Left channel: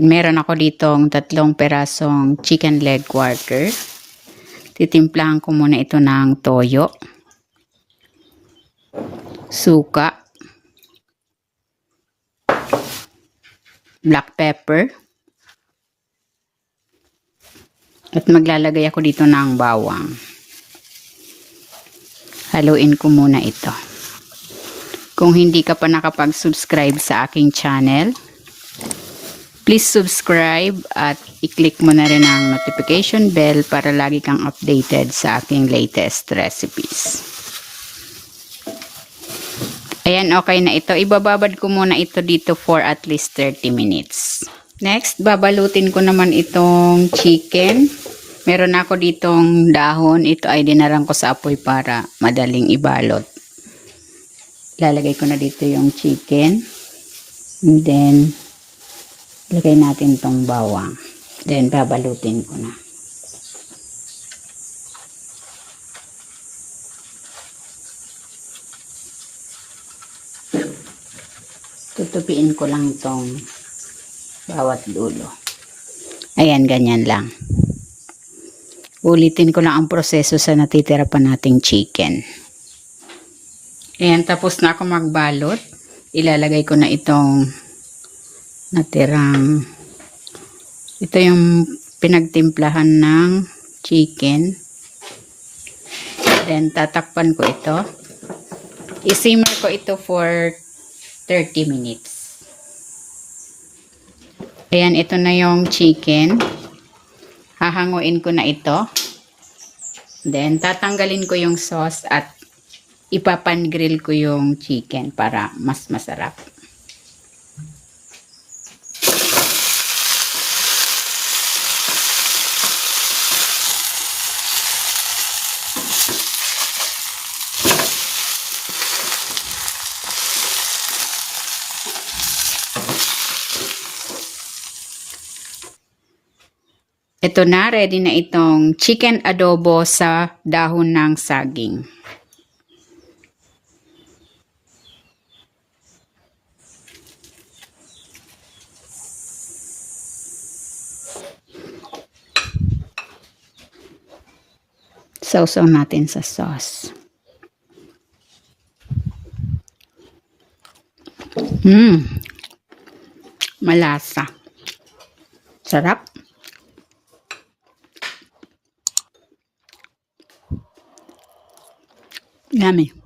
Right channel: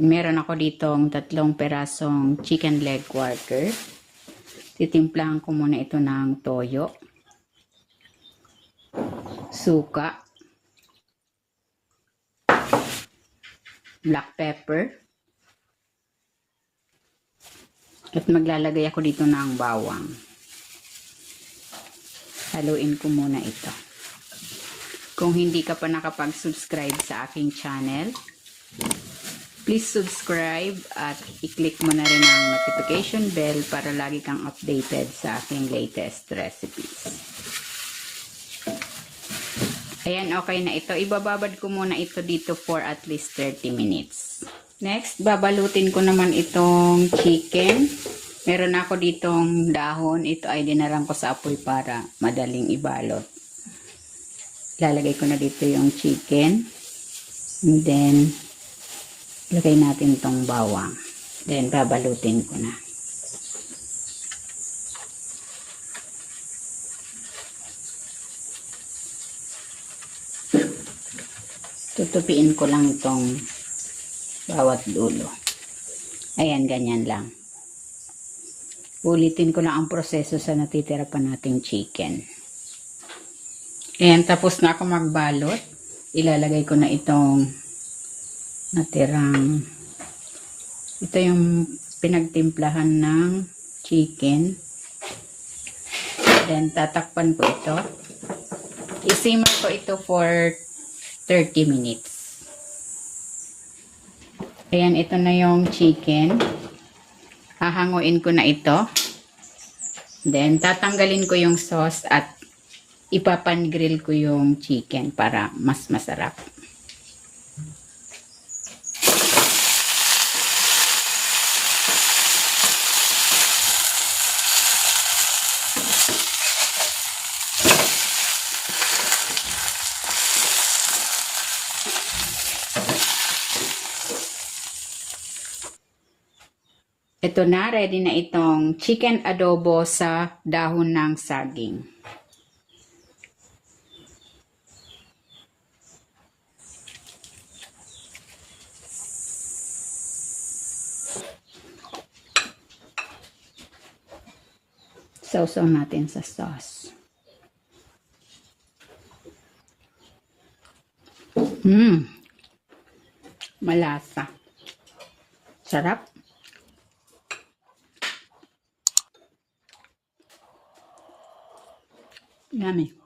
Meron ako ditong 3 perasong chicken leg quarter. Titimplahan ko muna ito ng toyo, suka, black pepper, at maglalagay ako dito ng bawang. Haluin ko muna ito. Kung hindi ka pa nakapag-subscribe sa aking channel, please subscribe at i-click mo na rin ang notification bell para lagi kang updated sa aking latest recipes. Ayan, okay na ito. Ibababad ko muna ito dito for at least 30 minutes. Next, babalutin ko naman itong chicken. Meron ako ditong dahon. Ito ay dinarang ko sa apoy para madaling ibalot. Lalagay ko na dito yung chicken. And then, lagay natin tong bawang. Then, babalutin ko na. Tutupiin ko lang tong bawat dulo. Ayan, ganyan lang. Ulitin ko lang ang proseso sa natitira pa nating chicken. Ayan, tapos na ako magbalot. Ilalagay ko na itong natirang, ito yung pinagtimplahan ng chicken. Then tatakpan ko ito. I-simmer ko ito for 30 minutes. Ayan, ito na yung chicken. Hahanguin ko na ito. Then tatanggalin ko yung sauce at ipapan-grill ko yung chicken para mas masarap. Ito na, ready na itong chicken adobo sa dahon ng saging. Sausaw natin sa sauce. Malasa. Sarap. Yummy.